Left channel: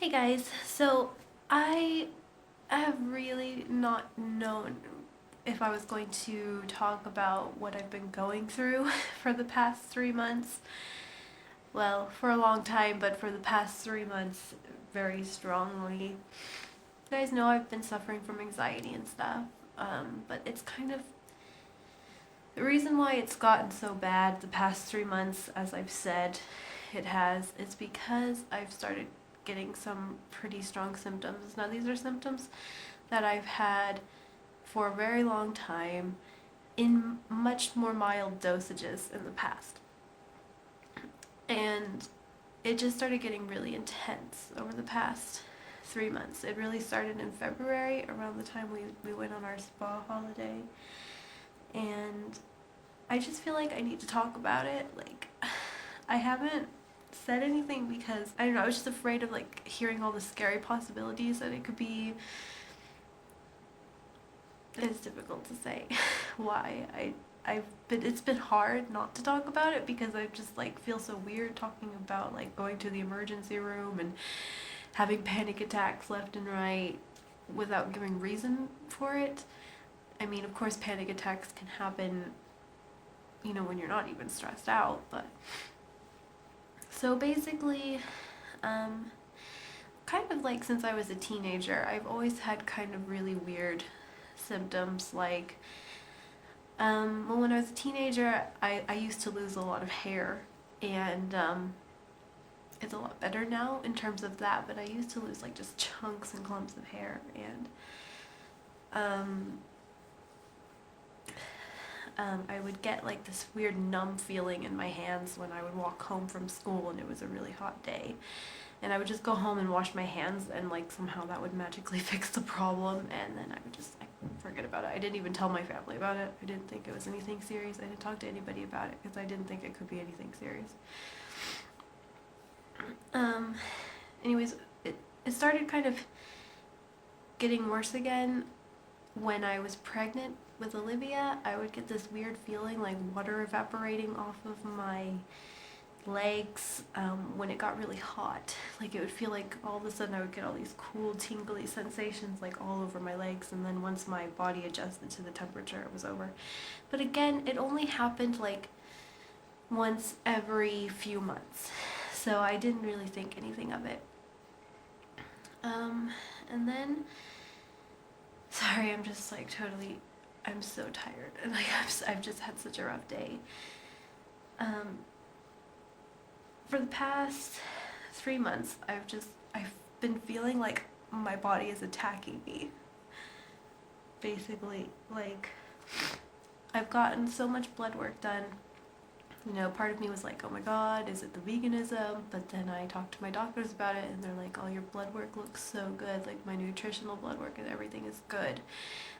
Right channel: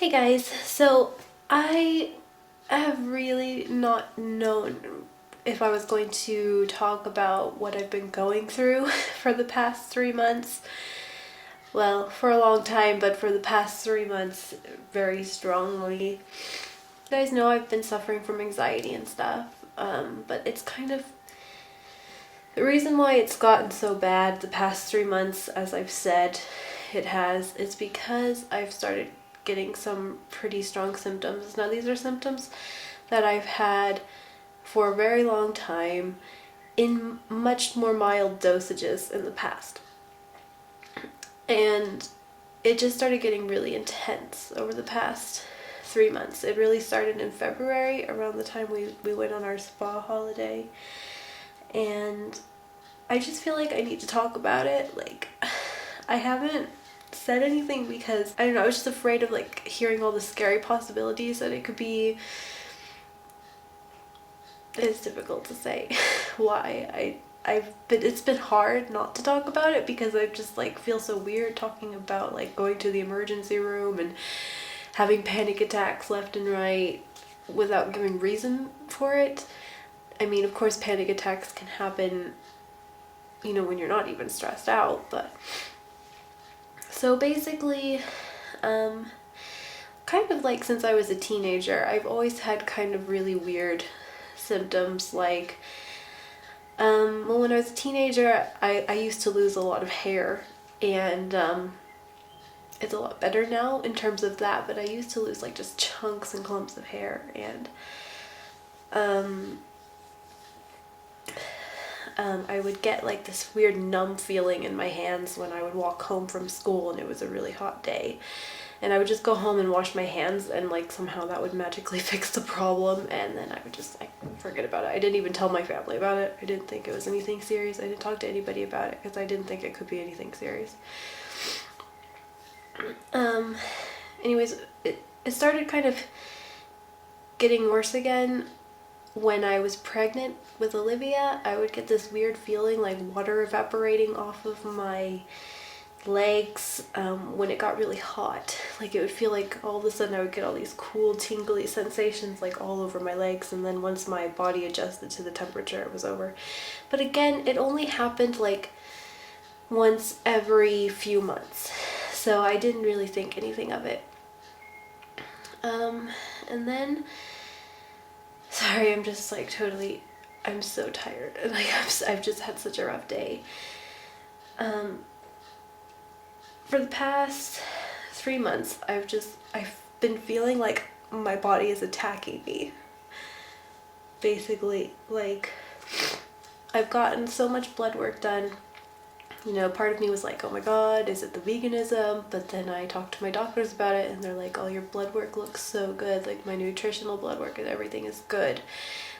Hey guys, so I have really not known if I was going to talk about what I've been going through for the past 3 months. Well, for a long time, but for the past 3 months, very strongly. You guys know I've been suffering from anxiety and stuff, but it's kind of the reason why it's gotten so bad the past 3 months, as I've said, is because I've started getting some pretty strong symptoms. Now, these are symptoms that I've had for a very long time in much more mild dosages in the past. And it just started getting really intense over the past 3 months. It really started in February, around the time we went on our spa holiday. And I just feel like I need to talk about it. Like, I haven't said anything because, I don't know, I was just afraid of like hearing all the scary possibilities that it could be. It's difficult to say why. It's been hard not to talk about it because I just like feel so weird talking about like going to the emergency room and having panic attacks left and right without giving reason for it. I mean, of course, panic attacks can happen, when you're not even stressed out, but so basically, kind of like since I was a teenager, I've always had kind of really weird symptoms. Like, well, when I was a teenager, I used to lose a lot of hair, and it's a lot better now in terms of that, but I used to lose like just chunks and clumps of hair, and I would get like this weird numb feeling in my hands when I would walk home from school and it was a really hot day. And I would just go home and wash my hands, and like somehow that would magically fix the problem, and then I would just like forget about it. I didn't even tell my family about it. I didn't think it was anything serious. I didn't talk to anybody about it because I didn't think it could be anything serious. Anyways, it started kind of getting worse again when I was pregnant with Olivia. I would get this weird feeling like water evaporating off of my legs when it got really hot. Like, it would feel like all of a sudden I would get all these cool tingly sensations like all over my legs, and then once my body adjusted to the temperature, it was over. But again, it only happened like once every few months, so I didn't really think anything of it. And then, sorry, I'm just like totally, I'm so tired, and like I've just had such a rough day. For the past 3 months, I've been feeling like my body is attacking me. Basically, like, I've gotten so much blood work done. Part of me was like, oh my god, is it the veganism? But then I talked to my doctors about it, and they're like, oh, your blood work looks so good. Like, my nutritional blood work and everything is good.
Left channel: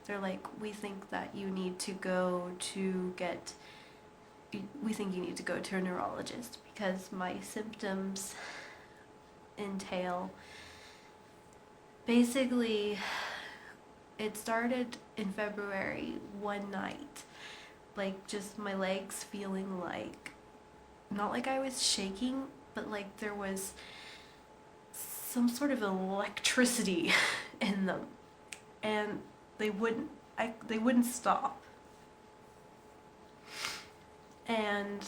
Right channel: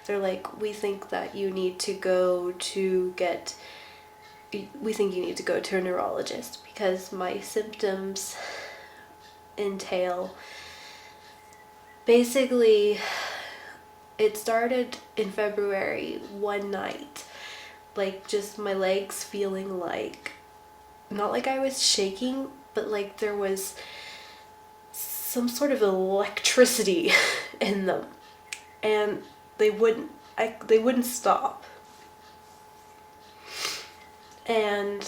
They're like, we think you need to go to a neurologist because my symptoms entail, basically, it started in February one night, like just my legs feeling like, not like I was shaking, but like there was some sort of electricity in them, and they wouldn't stop. And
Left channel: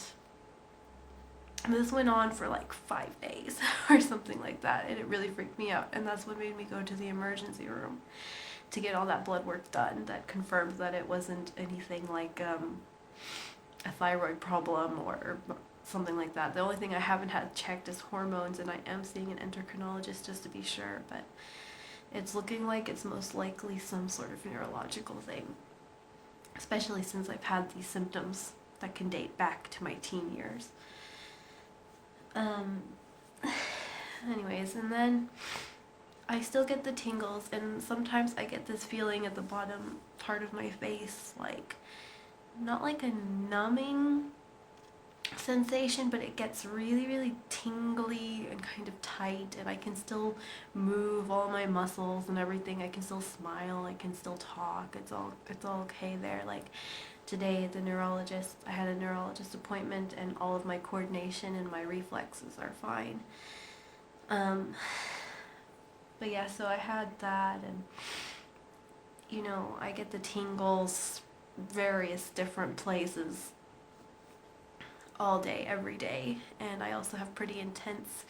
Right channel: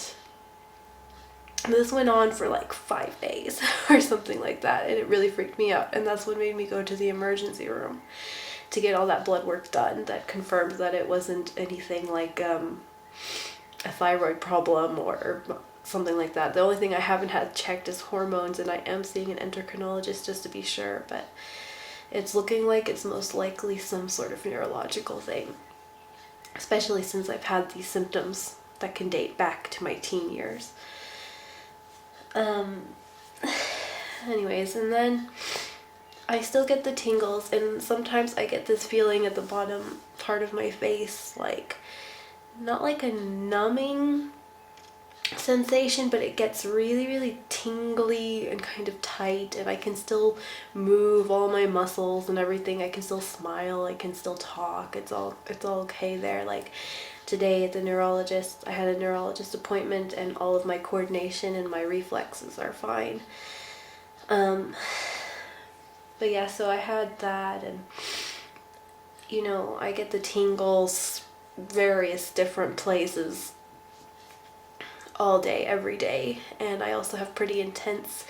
this went on for like 5 days or something like that, and it really freaked me out, and that's what made me go to the emergency room to get all that blood work done that confirmed that it wasn't anything like a thyroid problem or something like that. The only thing I haven't had checked is hormones, and I am seeing an endocrinologist just to be sure, but it's looking like it's most likely some sort of neurological thing, especially since I've had these symptoms that can date back to my teen years. Anyways, and then I still get the tingles, and sometimes I get this feeling at the bottom part of my face, like, not like a numbing sensation, but it gets really, really tingly and kind of tight, and I can still move all my muscles and everything. I can still smile, I can still talk. It's all okay there. Like, today at the neurologist, I had a neurologist appointment, and all of my coordination and my reflexes are fine. But yeah, so I had that, and I get the tingles various different places all day, every day. And I also have pretty intense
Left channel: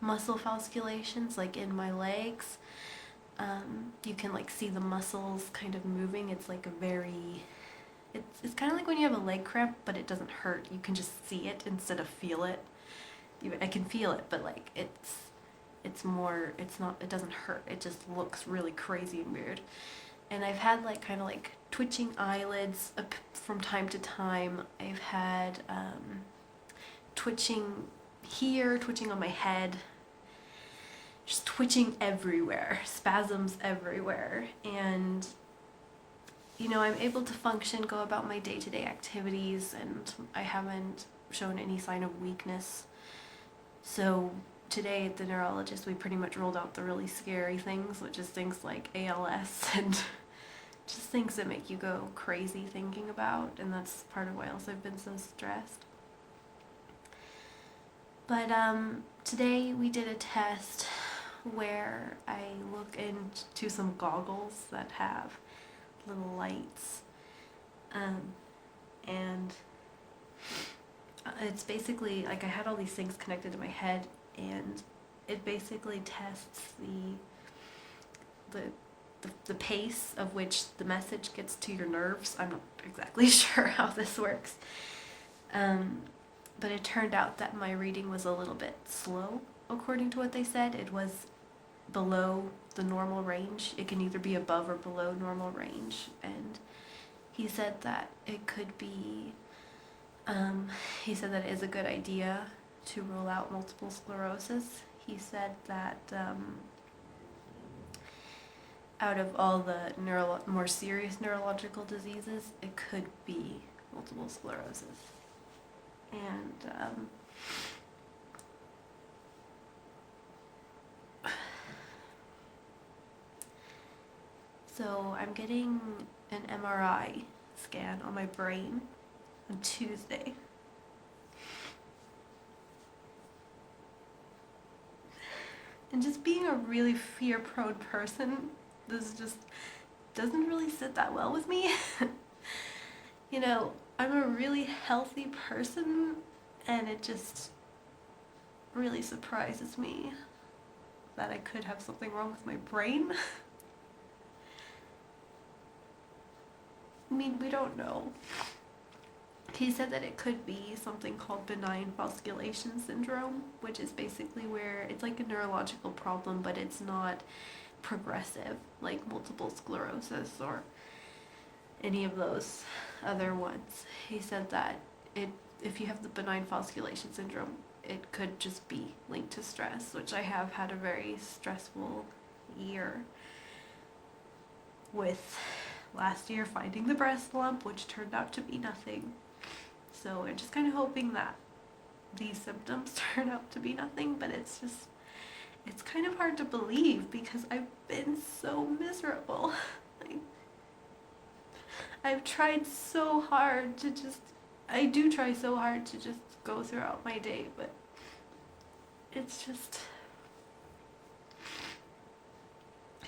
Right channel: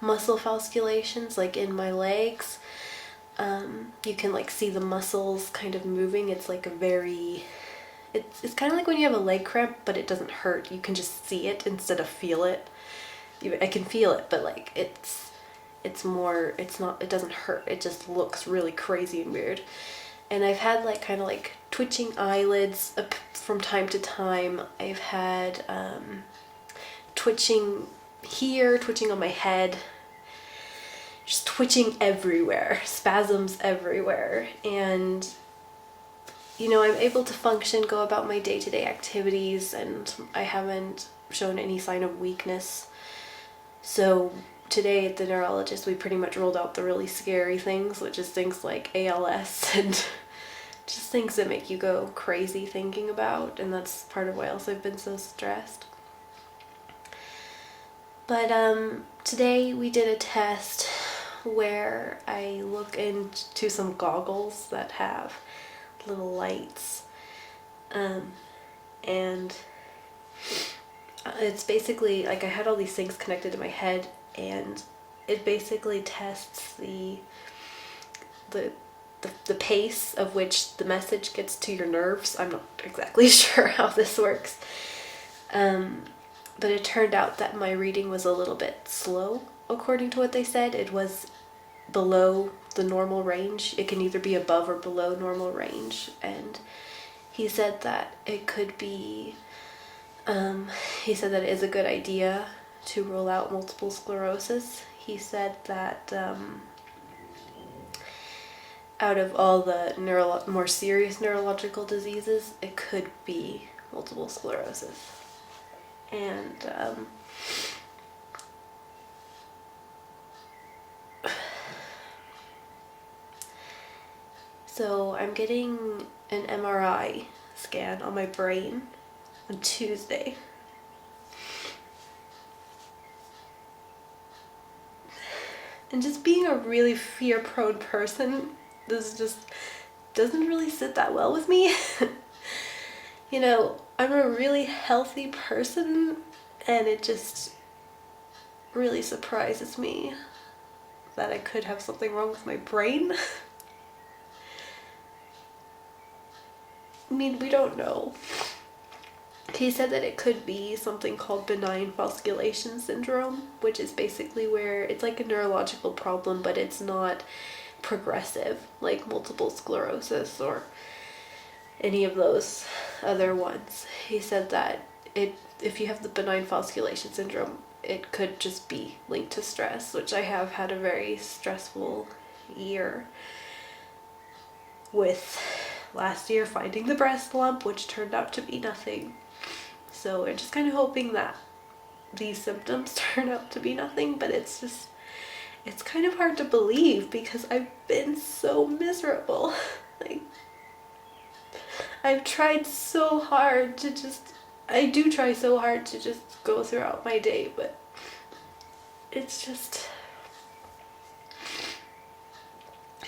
muscle fasculations, like in my legs. You can like see the muscles kind of moving. It's like it's kind of like when you have a leg cramp, but it doesn't hurt. You can just see it instead of feel it. I can feel it, but like it doesn't hurt. It just looks really crazy and weird. And I've had like kind of like twitching eyelids from time to time. I've had twitching here, twitching on my head, just twitching everywhere, spasms everywhere. And I'm able to function, go about my day-to-day activities, and I haven't shown any sign of weakness. So today at the neurologist, we pretty much rolled out the really scary things, which is things like ALS and just things that make you go crazy thinking about, and that's part of why else I've been so stressed. But today we did a test where I look into some goggles that have little lights, and it's basically like I had all these things connected to my head, and it basically tests the pace of which the message gets to your nerves. I'm not exactly sure how this works, but it turned out that my reading was a little bit slow according to what they said. It was below the normal range. It can either be above or below normal range, and he said that it could be he said that it is a good idea to rule out multiple sclerosis. He said that out of all the more serious neurological diseases, it could be multiple sclerosis. And so I'm getting an MRI scan on my brain on Tuesday. And just being a really fear-prone person, this just doesn't really sit that well with me. I'm a really healthy person, and it just really surprises me that I could have something wrong with my brain. I mean, we don't know. He said that it could be something called benign fasculation syndrome, which is basically where it's like a neurological problem, but it's not progressive like multiple sclerosis or any of those other ones. He said that if you have the benign fasculation syndrome, it could just be linked to stress, which I have had a very stressful year with last year finding the breast lump, which turned out to be nothing. So we're just kind of hoping that these symptoms turn out to be nothing, but it's kind of hard to believe because I've been so miserable. Like, I've tried so hard to I do try so hard to just go throughout my day, but it's just,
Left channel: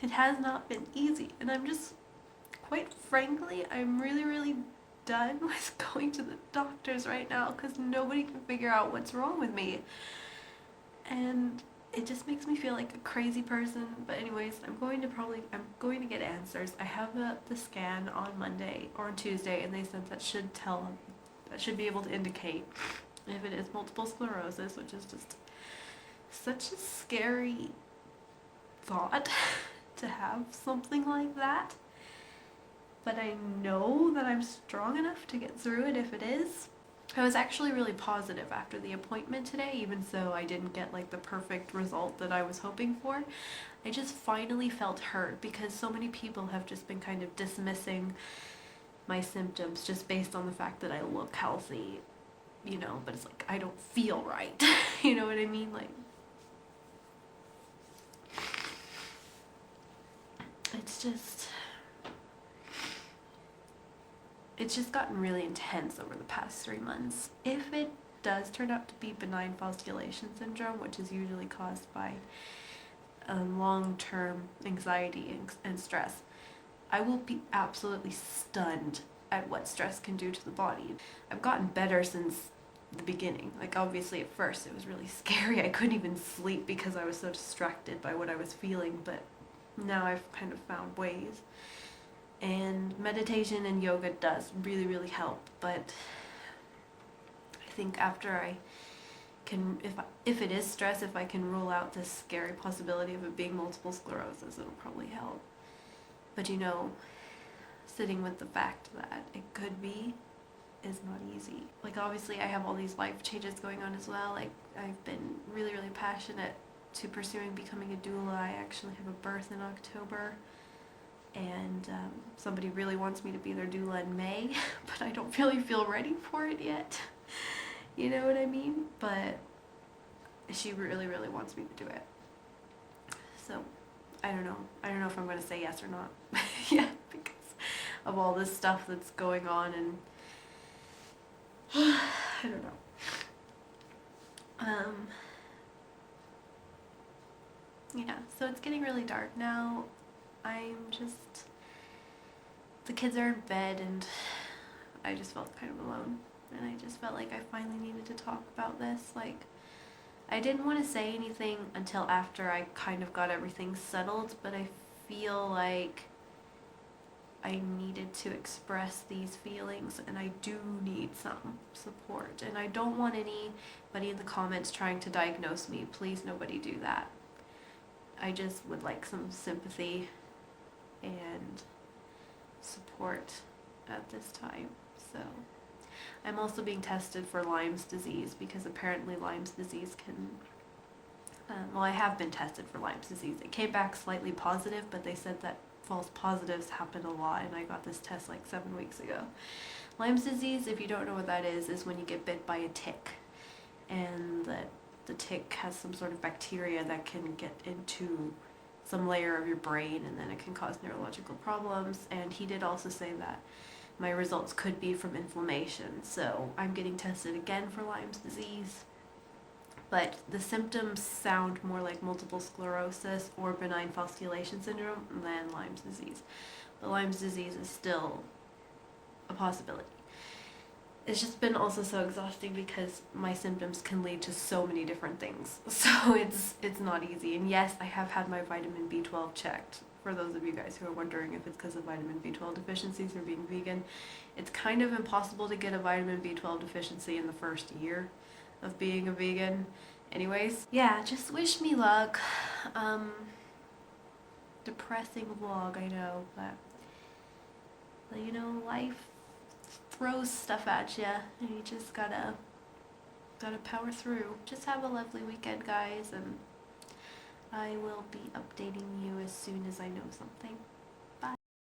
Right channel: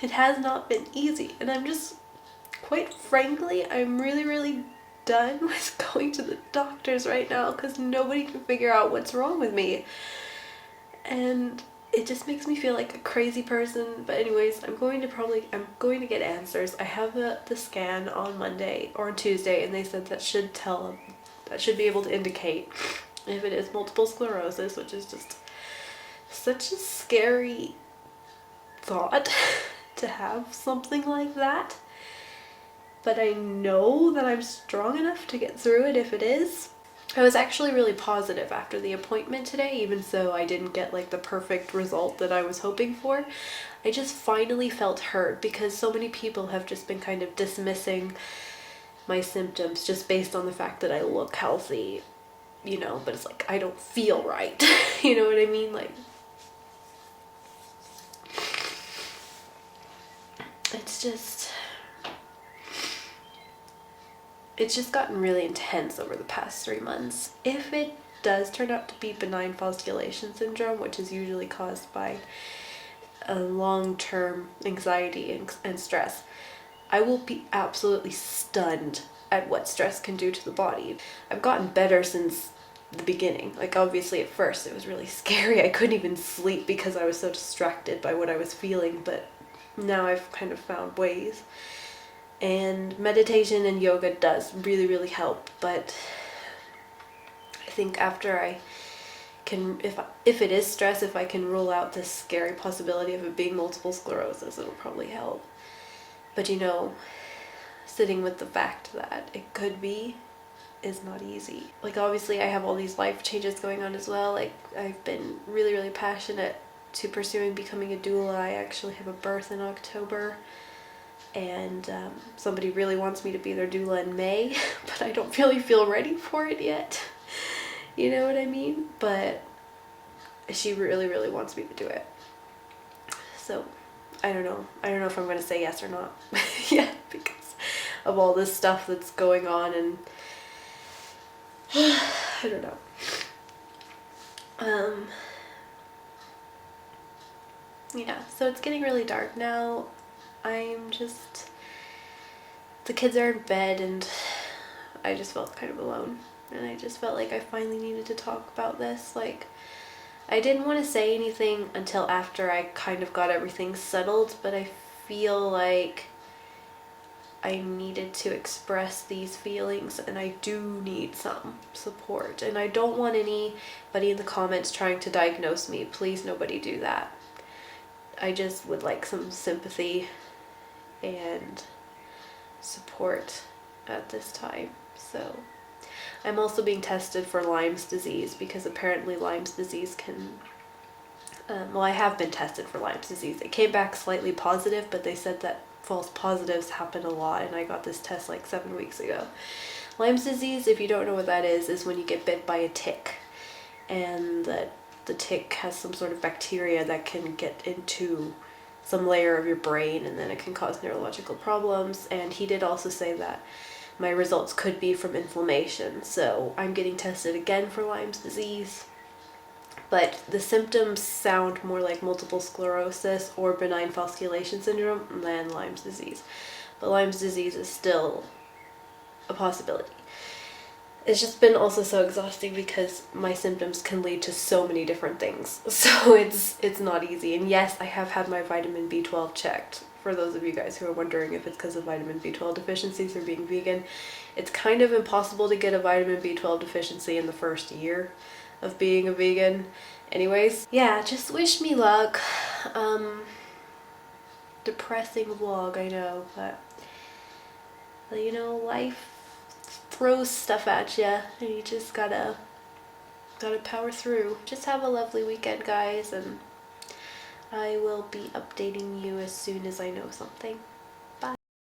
it has not been easy. And I'm just, quite frankly, I'm really, really done with going to the doctors right now because nobody can figure out what's wrong with me. And it just makes me feel like a crazy person. But anyways, I'm going to get answers. I have the scan on Monday or on Tuesday, and they said that should be able to indicate if it is multiple sclerosis, which is just such a scary thought to have something like that. But I know that I'm strong enough to get through it if it is. I was actually really positive after the appointment today, even though I didn't get like the perfect result that I was hoping for. I just finally felt heard because so many people have just been kind of dismissing my symptoms just based on the fact that I look healthy, but it's like I don't feel right. You know what I mean? Like, it's just gotten really intense over the past 3 months. If it does turn out to be benign fasculation syndrome, which is usually caused by a long-term anxiety and stress, I will be absolutely stunned at what stress can do to the body. I've gotten better since the beginning. Like, obviously at first it was really scary. I couldn't even sleep because I was so distracted by what I was feeling, but now I've kind of found ways. And meditation and yoga does really, really help, but I think after I can, if it is stress, if I can rule out this scary possibility of it being multiple sclerosis, it'll probably help. But sitting with the fact that it could be is not easy. Like, obviously I have all these life changes going on as well. Like, I've been really, really passionate to pursuing becoming a doula. I actually have a birth in October, and somebody really wants me to be their doula in May, but I don't really feel ready for it yet. You know what I mean? But she really, really wants me to do it. So I don't know if I'm gonna say yes or not. Yeah, because of all this stuff that's going on, and I don't know. Yeah, so it's getting really dark now. The kids are in bed, and I just felt kind of alone. And I just felt like I finally needed to talk about this. Like, I didn't want to say anything until after I kind of got everything settled, but I feel like I needed to express these feelings, and I do need some support. And I don't want anybody in the comments trying to diagnose me. Please, nobody do that. I just would like some sympathy and support at this time. So I'm also being tested for Lyme's disease, because apparently Lyme's disease can, I have been tested for Lyme's disease. It came back slightly positive, but they said that false positives happen a lot, and I got this test like 7 weeks ago. Lyme's disease, if you don't know what that is when you get bit by a tick, and the tick has some sort of bacteria that can get into some layer of your brain, and then it can cause neurological problems. And he did also say that my results could be from inflammation. So I'm getting tested again for Lyme's disease. But the symptoms sound more like multiple sclerosis or benign fasculation syndrome than Lyme's disease. But Lyme's disease is still a possibility. It's just been also so exhausting because my symptoms can lead to so many different things. So it's not easy. And yes, I have had my vitamin B12 checked. For those of you guys who are wondering if it's because of vitamin B12 deficiencies or being vegan, it's kind of impossible to get a vitamin B12 deficiency in the first year of being a vegan. Anyways, yeah, just wish me luck. Depressing vlog, I know, but life throws stuff at you, and you just gotta power through. Just have a lovely weekend, guys, and I will be updating you as soon as I know something.